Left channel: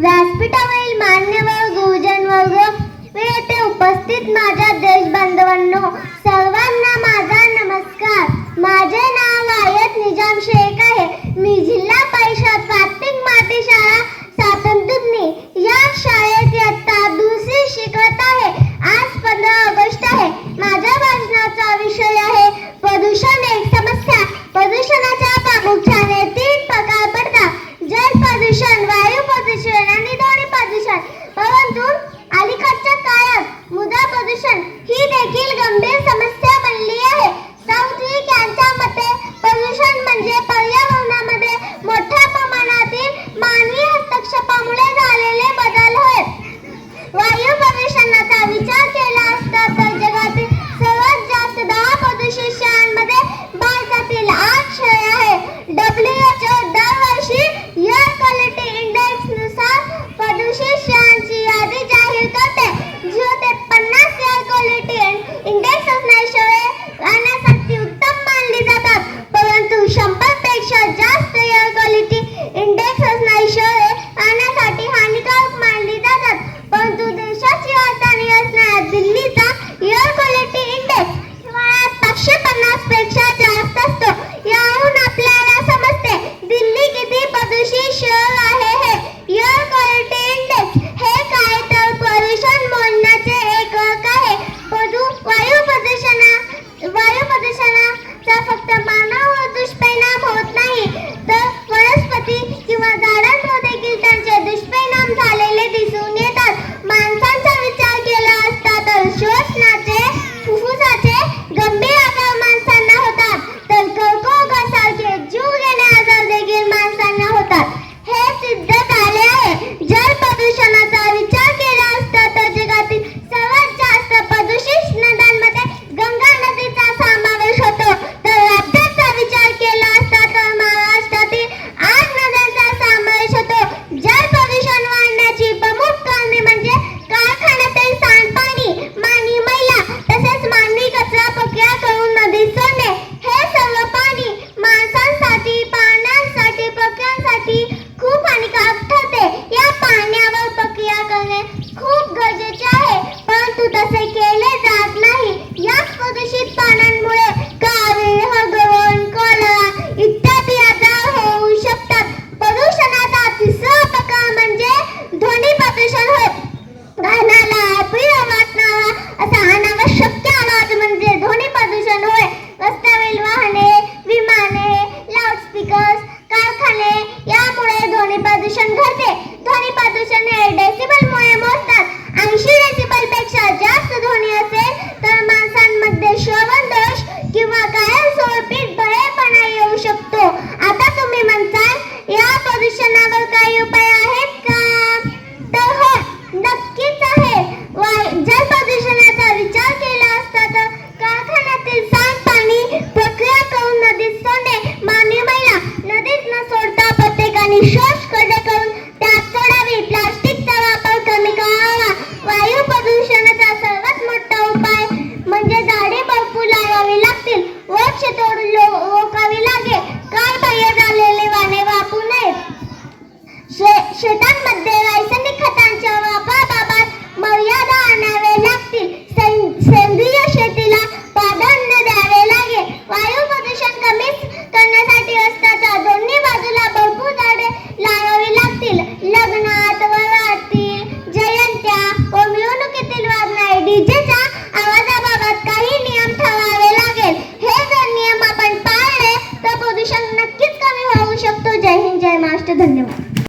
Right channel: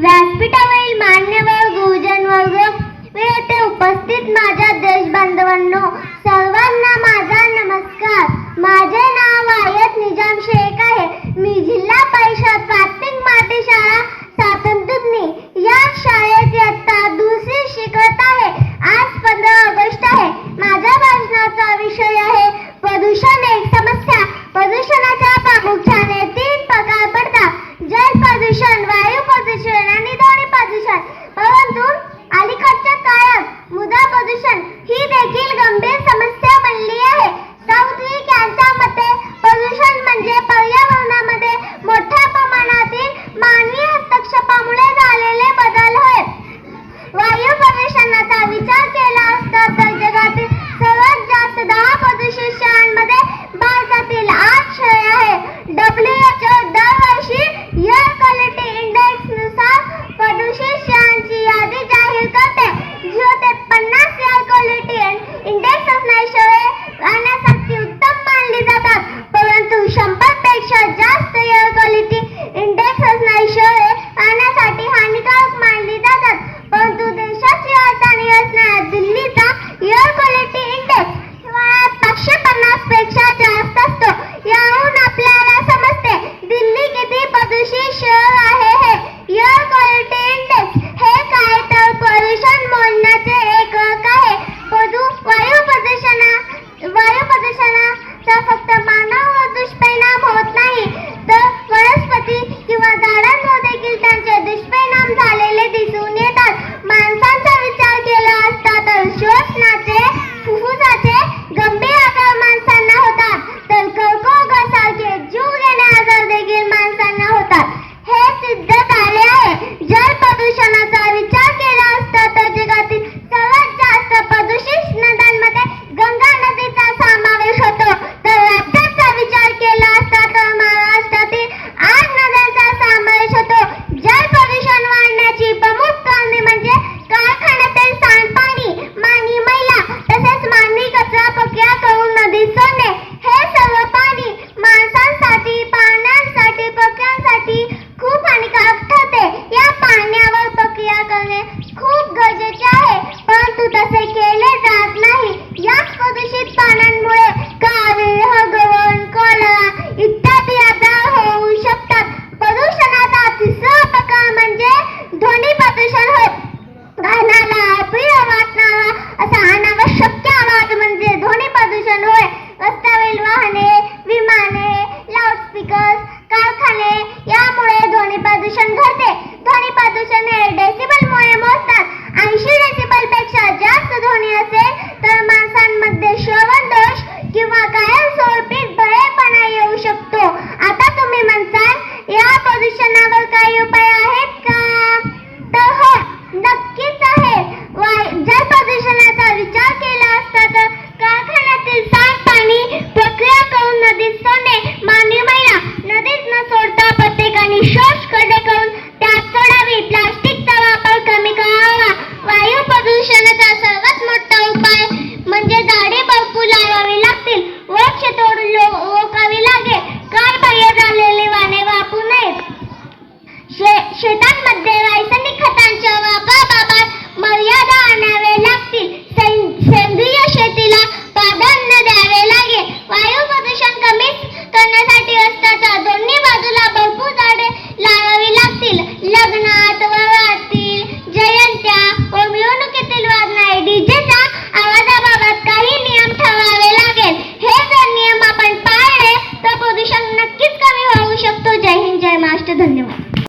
व्यासपीठावरील मान्यवर गुरुजन वर्ग व येथे उपस्थित माझ्या देशबांधवांनो, सर्वांना माझा नमस्कार. माझे नाव आयत निजाम शेख आहे. मी जिल्हा परिषद प्राथमिक माती शाळा सातंतुदनी या शाळेत इयत्ता दुसरी शिकत आहे. आज 15 ऑगस्ट आहे. माझ्या भाषणाचा विषय आहे प्रदूषण एक समस्या. प्रदूषणाच्या प्रामुख्याने 3 प्रकार पडतात: जल प्रदूषण, वायू प्रदूषण आणि ध्वनी प्रदूषण. परंतु अलीकडच्या काळात मृदा प्रदूषण ही देखील गंभीर समस्या बनली आहे. साऊथविक यांच्या मते प्रदूषण म्हणजे पर्यावरणामध्ये मोठ्या प्रमाणातील मानवी हस्तक्षेपामुळे झालेले बदल होय. वायू प्रदूषणाचा विचार केला असता तर जगातील सर्वात जास्त 10 प्रदूषित शहरांमध्ये भारतातील 8 शहरे आहेत. WHO दरवर्षी एअर क्वालिटी इंडेक्स नुसार प्रदूषित शहरांची यादी जाहीर करते. 0 ते 50 एअर क्वालिटी इंडेक्स असणारी शहरे राहण्यासाठी उत्तम मानली जातात. परंतु 100 पेक्षा जास्त एअर क्वालिटी इंडेक्स असणारी शहरे राहण्यासाठी हानिकारक मानली जातात. परंतु देशाची राजधानी असणाऱ्या दिल्लीचा एअर क्वालिटी इंडेक्स 550 पेक्षा जास्त असतो. यावरून आपल्याला समजते दिल्ली किती प्रदूषित शहर आहे. हे एअर क्वालिटी इंडेक्स हे काय तर प्रदूषण मोजण्याचे एकक आहे. वायू प्रदूषणाचा फक्त मानवावर दुष्परिणाम होत नाही, तर वनस्पती किंवा झाडांवर देखील त्यांचे दुष्परिणाम झालेले दिसून येतात. माणसांचा विचार केला असता तर श्वसनाचे, फुफ्फुसाचे गंभीर आजार माणसांना होतात, तर कर्करोगासारखे जीवघेणे आजार देखील माणसांना होतात. हे सिद्ध झाले आहे. जल प्रदूषणाचा विचार केला असता तर जगातील सर्वात जास्त प्रदूषित नद्यांमध्ये गंगा नदीचा समावेश होतो. तर राज्याचा विचार केला असता तर महाराष्ट्रातील 8 नद्यांचा समावेश होतो. जल प्रदूषण वाढण्याची प्रमुख कारणे म्हणजे कारखान्यातील सांडपाणी, मानवी मैला तसेच मानवी कचरा प्रक्रिया करून नदीत सोडणे. हे सर्व पाणी माणसांसाठी, प्राण्यांसाठी, पक्ष्यांसाठी खूप हानिकारक ठरते. या पाण्यावर प्रक्रिया करणे खूप गरजेचे आहे, परंतु तसे केले जात नाही. याच प्रदूषित पाण्यामुळे कावीळ, हगवण, कॉलरा इत्यादी आजार होऊ शकतात. प्रदूषणाचा तिसरा प्रकार म्हणजे ध्वनी प्रदूषण होय. कानाला अप्रिय वाटणारा असा अनावश्यक आवाज म्हणजे ध्वनी प्रदूषण होय. रस्त्यावरील वाहने, विमाने, लाऊडस्पीकर्स, कारखाने यामुळे ध्वनी प्रदूषण घडते. ध्वनी प्रदूषण हे डेसिबलमुळे मोजतात. 80 डेसिबल पेक्षा जास्त ध्वनी असेल तर माणसांमध्ये श्रवण दोष किंवा कायमस्वरूपी बहिरेपणा येऊ शकतो. आता तुम्ही म्हणताल या प्रदूषणावर काही उपाय आहेत का? तर हो, नक्कीच आहे. जल प्रदूषणाचा विचार केला असता तर कारखान्यातील सांडपाणी प्रक्रिया करून नदीत सोडणे, मानवी मैला नदीत न सोडता प्रत्येकाने शोष खड्डे करून त्यात सोडावी, प्लास्टिकचा वापर कमी करावा. वायू प्रदूषणाचा सर्वात मोठा उपाय म्हणजे झाडे भरपूर लावावी लागतील, वृक्षतोड रोखावी लागेल, कारबाह्य झालेले वाहने वापरू नयेत. शेतांमध्ये रासायनिक खतांच्या वापराबाबत मर्यादा आणावे लागतील. सेंद्रिय शेतीला प्राधान्य द्यावे लागेल. वायू प्रदूषण कमी करण्यासाठी रस्त्याच्या दोन्ही बाजूला भरपूर झाडे लावावी लागतील. लग्नात, वरातील, जयंत्या व मिरवणुकीतील वाजणारे डीजेच्या आवाजाबाबत काही नियम ठरवावे लागेल. हे जर नियम आपण पाळले तर प्रदूषण नक्कीच कमी होऊ शकतो. जय हिंद, जय महाराष्ट्र. धन्यवाद.